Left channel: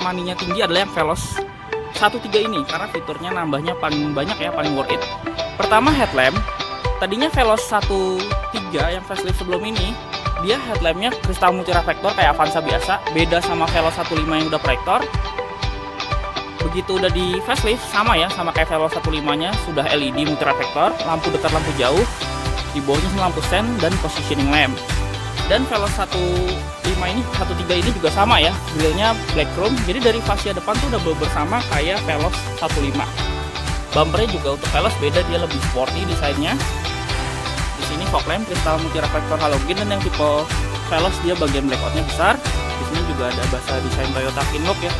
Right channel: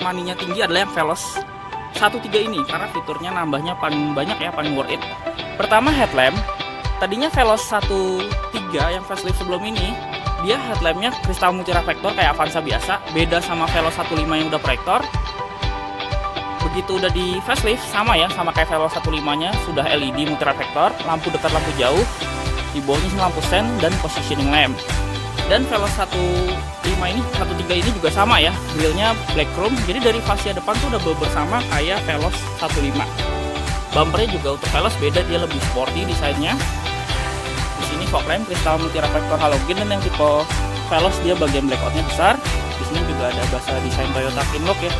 money-nya tinggi adalah yang Veloz 13 ini, karena fiturnya nambahnya paling banyak ya, paling worth it. Pertama, headlamp. Tadinya Veloz 13 yang facelift sebelum ini, dia headlampnya kristal multireflektor kayak Avanza biasa, beda sama Veloz 15 yang udah proyektor. Begitu udah di facelift sama ya, sama kayak Veloz 15-nya, sudah LED multireflektor, lampu dekat, lampu jauh, di bawahnya lampu sen dan positioning lamp. Dan Veloz 13 ini juga sama ya, grillnya black chrome, jadi dari fascia depan tuh udah bersama kayak Veloz 15. Bumpernya juga untuk Veloz beda, dia lebih sporty desainnya. Di sini fog lamp kristal multireflektor halogen, dan yang tipe Veloz dia bagian blackoutnya besar. Di sini juga ada bahasa desain Toyota Kinlock ya.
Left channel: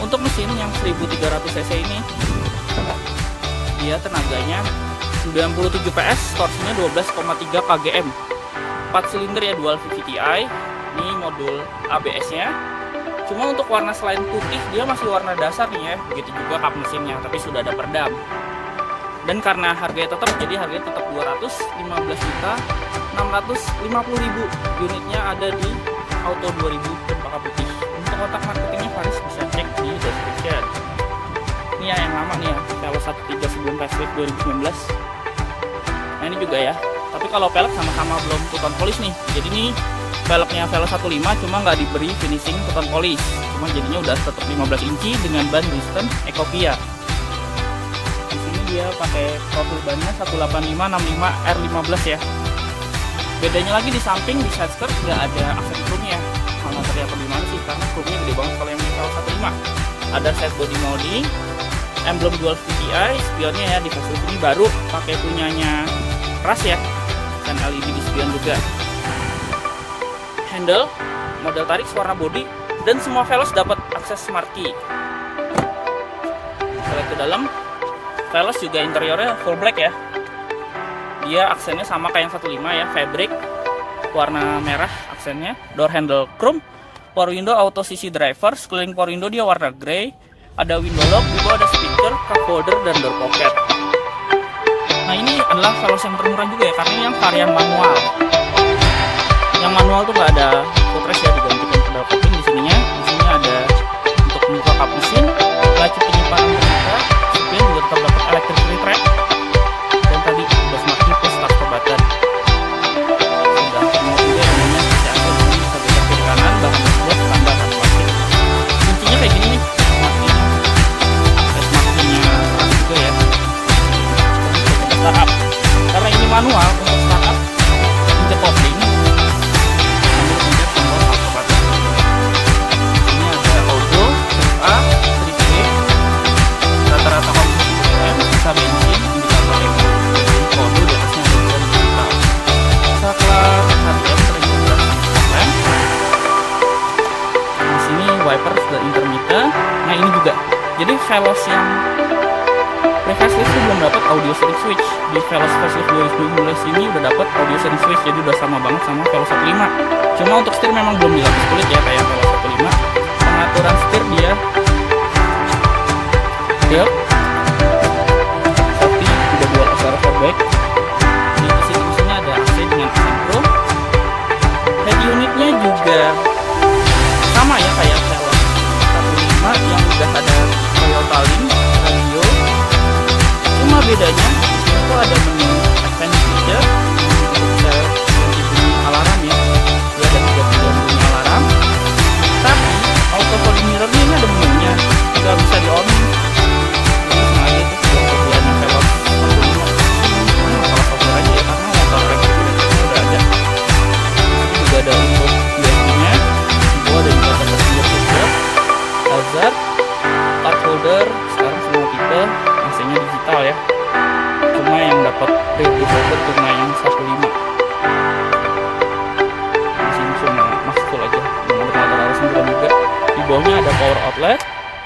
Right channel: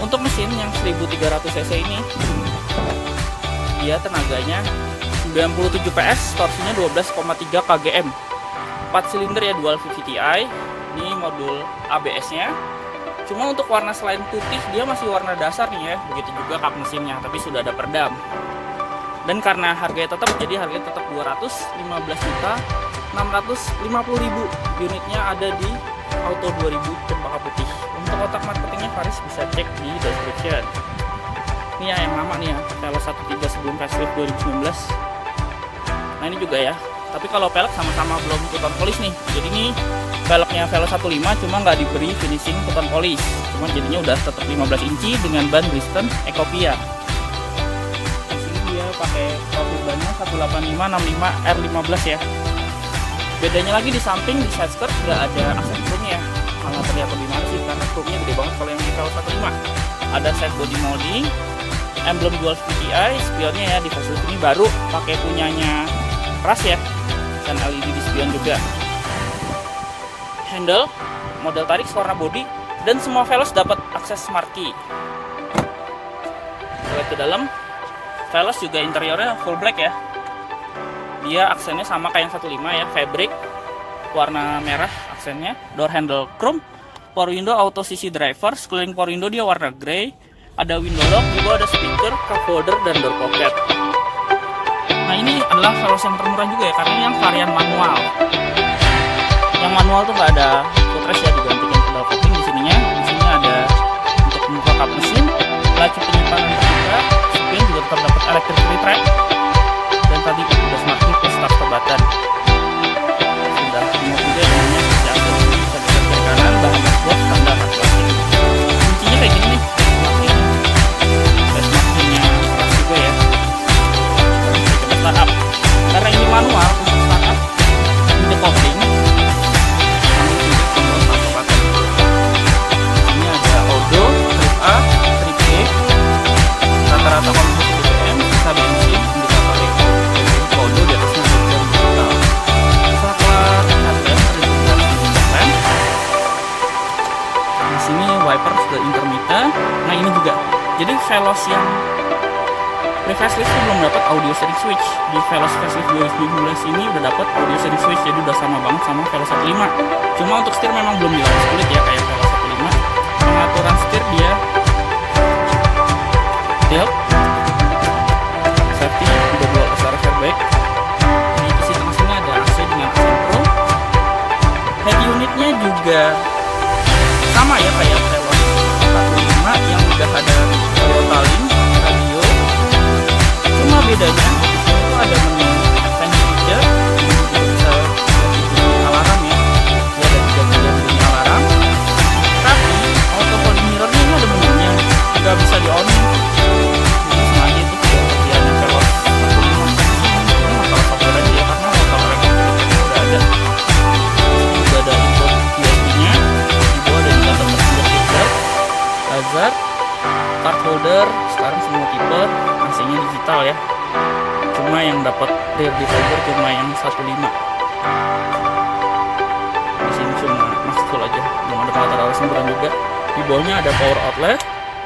Untuk mesin yang 1300 cc ini, dia tenaganya 97 PS, torsinya 12,3 kgm. 4 silinder ya, dual VVTi. Ini modul ABS-nya. Cuma untuk warna selain putih, dia masih warna dasar nih ya. Begitu juga kap mesinnya, tapi sudah ada peredam. Dan karena harganya tetap, jadi harganya tetap 215.650.000. Unitnya ada di Auto 2000 Cempaka Putih. Untuk otak marketingnya Faris bisa cek di description. Ini ya yang lama nih ya, Veloz 13 sebelum facelift 2019. Nah ini juga ya. Tapi kalau pelek sama-sama belum two-tone polish nih. Jadi ini velgnya Veloz 15 cuma nggak diberi finishing two-tone polish. Cuma jadinya udah tetap 15 inci dengan ban Bridgestone Ecopia. Di sini dia pakai profil bannya 18565 R15 ya. Bedanya lagi di samping, di side skirt nggak ada aksen chrome-nya. Malah terlihat lebih manis sih, karena chrome-nya gede banget kalau yang di Veloz 15. Ada side body molding, emblem dual VTi, spionnya ya di facelift ini baru pakai punyanya Ras ya, dan LED di spion juga. Handle, model tarik, warna body, dan semua Veloz dapat akses smart key. Kita lihat ke dalam, Veloz juga interiornya full black ya. Dia aksennya sama kayak yang 15 ya, fabric, warna merah aksennya. Door handle chrome, power window auto CC driver, sekeliling power window dia warna grey. Ada window lock, di bawah ada speaker, cup holder, dan door pocket. Nah ini adalah Veloz yang termurah juga ya, karena ini yang varian manual. Yang manual tuh nggak ada footrest ya, digantikan pedal kopling di sininya. Di sini ada untuk membuka kap mesin, laci penyimpanan terbuka, spion juga tetap dapat electric retract, dan tadi udah smart key plus start button. Sudah semua juga namanya seperti AC, ini bisa geser kiri kanan, bahan dashboard standar rak plastik. Kuncinya kayak gini nih, smart key-nya. Smart key-nya keras juga ya. Startup, karena ini manual, untuk startup pencet kopling sambil pencet tombol start button. Ini ada auto, trip A, trip B, rata-rata konsumsi BBM, sisa bensin, indikator eco, jadi kode di atasnya ada jam digital. Saklar headlamp terintegrasi fog lamp. Di sini wiper sudah intermittent. Nah ini juga, jadi Veloz yang pre-facelift itu belum dapat audio steering switch. Di Veloz facelift 2019 ini udah dapat audio steering switch, jadi udah sama banget sama Veloz 15. Cuma untuk setir memang belum dilapis kulit ya kayak Veloz 15. Pengaturan setir dia tilt, safety juga dual SRF airbag. Di sisi tengah sini ada AC dengan aksen pro. Head unitnya juga sama ya kayak Veloz 15 yang udah ada Toyota Link, radio. Cuma bedanya di sini tuh ada menu advance feature yang juga bisa ganti bunyi alarm ya. Dia ada 3 pilihan bunyi alarm. Tapi auto folding mirrornya ini ada menunya, nggak bisa di onin. Jadi sengaja itu sudah kerjaannya Veloz 15. Ini masalah software aja ya, karena motor elektrik udah ada. Ini juga ada input USB-nya. Di bawah ada juga tersedia seatbelt, hazard, card holder. Sekarang semua tipe AC-nya digital ya. Cuma yang dapat rear defogger cuma yang 15. Di sini cuma max full aja, belum ada pengatur arah semburan juga. Di bawahnya ada power outlet,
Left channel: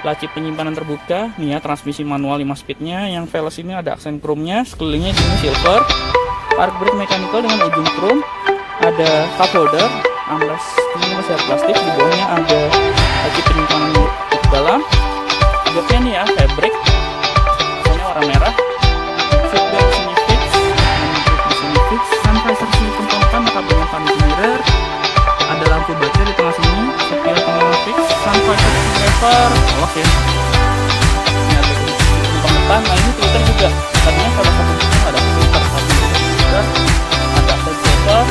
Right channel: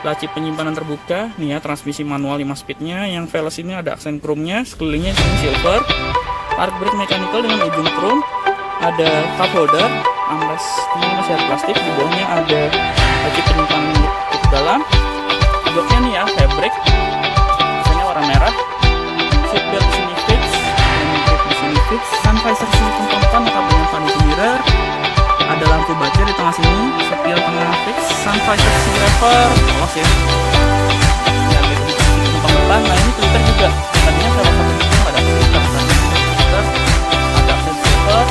laci penyimpanan terbuka. Nih ya, transmisi manual 5 speednya. Yang Veloz ini ada aksen chrome-nya, sekelilingnya di sini silver. Park brake mechanical dengan ujung chrome. Ada cup holder, armrest ini masih ada plastik. Di bawahnya ada laci penyimpanan untuk dalam. Joknya nih ya, fabric. Warna merah, seatbelt di sini fix, hand grip di sini fix, sun visor sini tempat kabelnya vanity mirror, Ada lampu baca di tengah sini, setir tengah fix, sun visor driver, polos ya. Ini ada kunci penumpang depan. Nah ini Twitter juga. Tadinya Veloz 1 itu nggak ada Twitter, tapi ada Twitter, ada update server,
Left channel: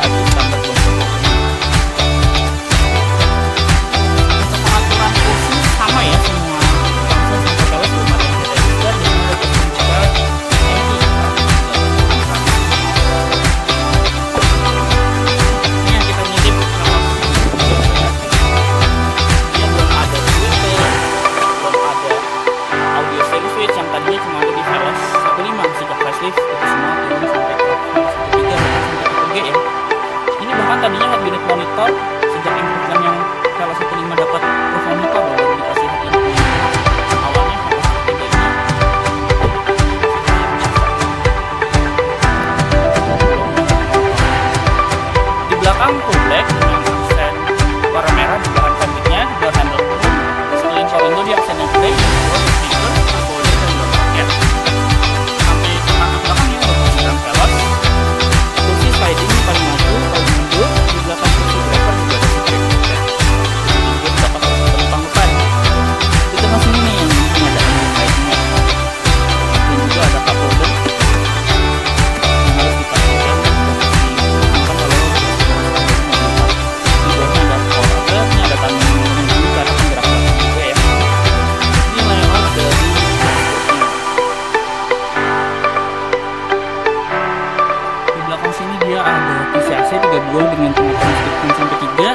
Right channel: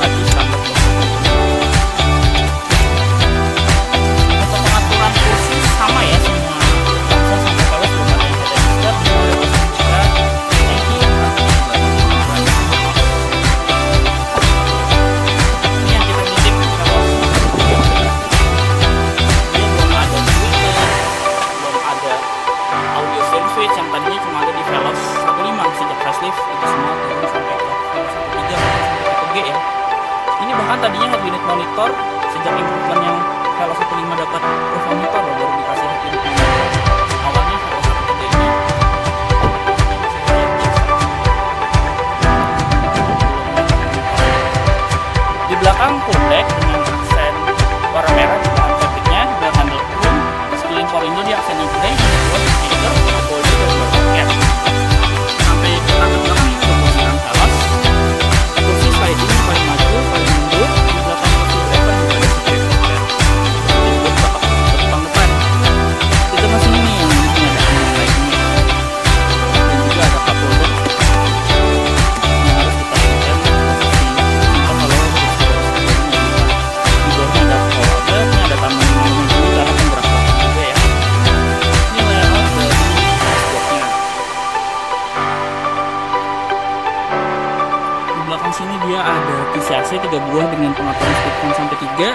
lagi standar untuk pengaturan kursi sama ya semua. Samsung sampai Veloz belum ada yang head adjuster. Di sini ada posisi juga tanki. Ini yang kita ngintip Veloz. Dia belum ada Twitter, belum ada audio stereo switch yang tadinya cuma ada di Veloz 15 sejak facelift. Itu semua turun sampai ke Veloz 13 bahkan sampai tipe G ya. Ini bahkan tadinya head unit monitor sejak improvement yang Veloz 15 dapat proof monitor baru dikasih head unit monitor. Awalnya Veloz 13 ini di belakang full black dengan aksen warna merah di bahan fabriknya, door handle chrome, sekeliling power window di aksen yang grey, door speaker, cup holder dan door pocket. Sampai ke tangga belakang yang berfungsikan Veloz. Kursi sliding ini paling maju, paling mundur. Di belakang kursi driver juga ada seat back pocket. Jadi buat belakang penumpang depan. Di tengah sini nih yang ini ada ambient lighting-nya. Dan juga ada cup holder yang harus dipastikan posisi penumpang kalau kursi baris kedua ini mobil. Di bawahnya ada power outlet, ini ada taman monumen ini karena penggerak belakang juga ya. Ini layout dari dashboardnya. Di belakang sini dia ada TCAC 3 buah dengan pengaturan speed fan sampai 3.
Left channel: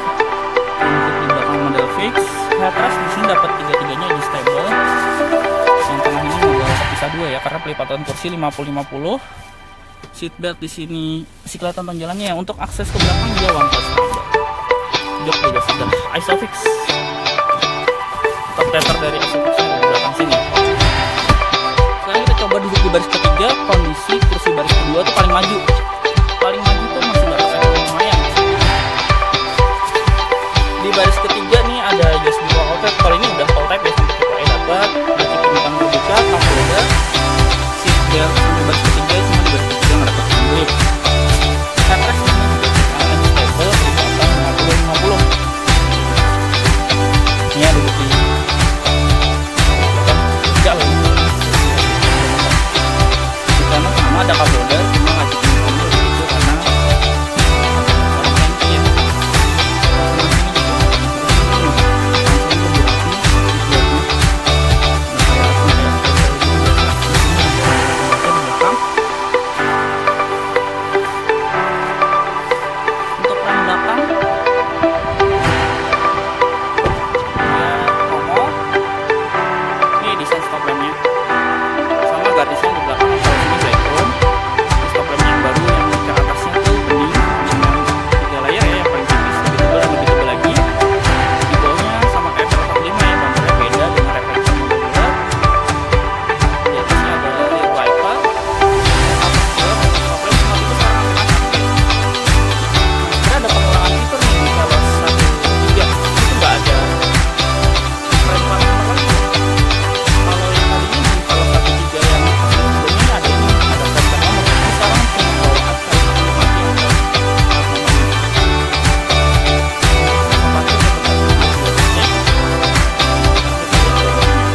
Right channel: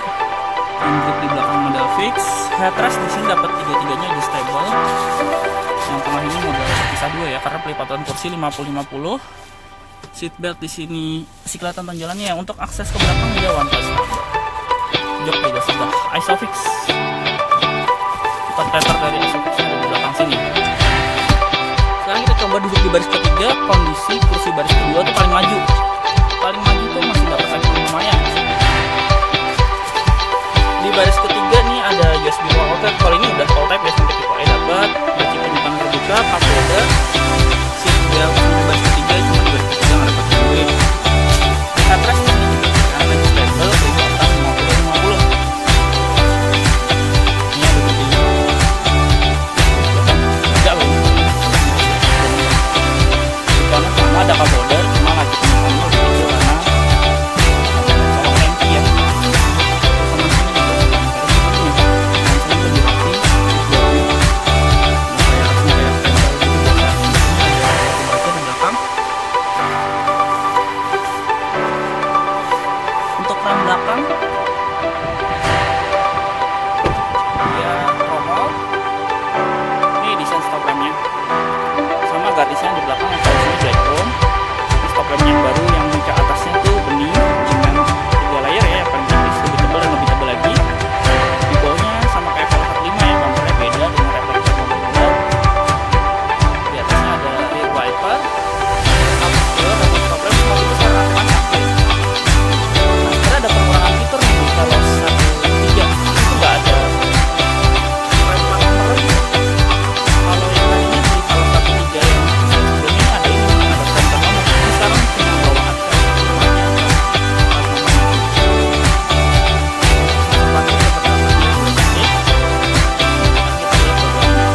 Hand grip di belakang model fix. Headrest di sini dapat 3-3-nya adjustable. Yang tengah ini model terpisah 2 ya karena pelipatan kursi 50-50. Seat belt di sini masih kelihatan panjalannya ya. Untuk akses ke belakang dia one touch standar. Jok juga sudah Isofix. Top tether dari Isofix-nya ada di belakang sini. Sekarang kita coba duduk di baris ketiga. Kondisi kursi baris kedua tuh paling maju. Paling maju tuh masih dapat efek lumayan. Di baris ketiga nih ada USB power outlet. Kalau ini udah all type ya sampai tipe E dapat. Laci penyimpanan terbuka, cup holder, seat belt sampai baris ketiga. Cuma di baris ketiga nggak dapat hand grip. Headrest ini juga sekarang adjustable, pelipatan 50-50. Ini ada di belakang tegak loh. Di kanan sama ada cup holder, cuma laci penyimpanannya lebih kecil karena ada kolong tangki ya. Sama sini juga kancingnya lebih rapi, seatbeltnya nggak kayak rasnya kayak tempel gitu biasa. Di sini ada pembaca di belakang. Untuk rem belakang dia tromol. Ini desain stop lampnya sama garisnya di belakang yang kalau sini black chrome. Di stop lamp yang baru yang ke atasnya tuh bening dengan 3 layer ya, yang paling tipis, lebih tebal dan lebih tebal lagi. Di bawahnya sama kayak Veloz 15 ya, bumpernya beda dengan reflektor modular. Di atasnya ada rear wiper, cover door, stop lamp semua itu sekarang akan update. Nah, sekarang ada pengurangan fitur nih di Veloz 13. Ini tuh nggak ada frame part number lagi ya. Kalau yang tadinya di Veloz 13 yang sebelumnya ada ini, ada frame part nomor. Ini sekarang cuma bawaan Veloz 15 aja yang plat nomornya. Tempatnya tetap ada di 2 titik. Sekarang kita lihat bagasinya.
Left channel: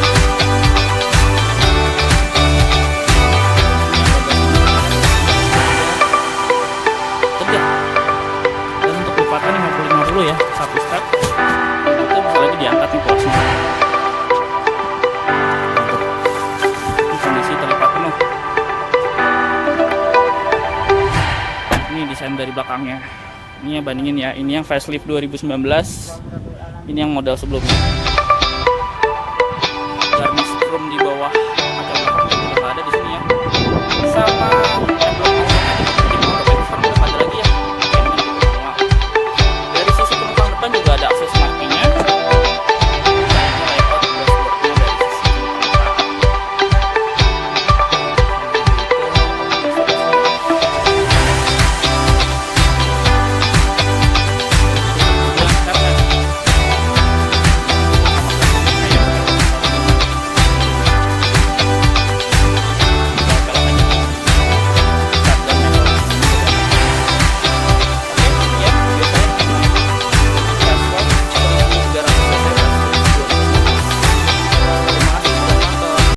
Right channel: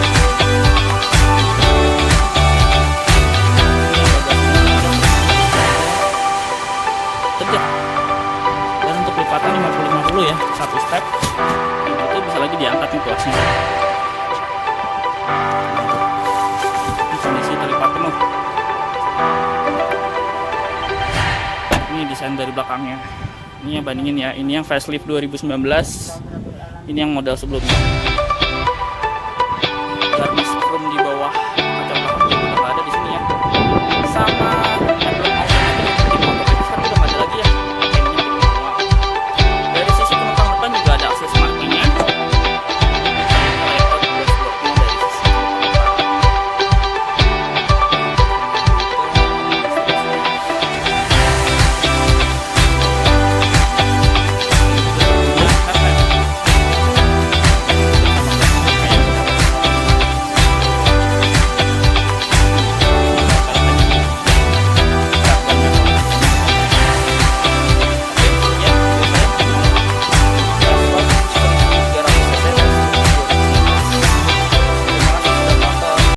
Ini bagasinya tegak. Dan untuk lipatan 50-50 ya, satu step. Jadi itu bisa lagi diangkat nih tuasnya. Ini kondisi terlipat penuh. Ini desain dari belakangnya. Ini yang bandingin ya. Ini yang facelift 2019. Ini yang model sebelumnya. Garnish chrome di bawah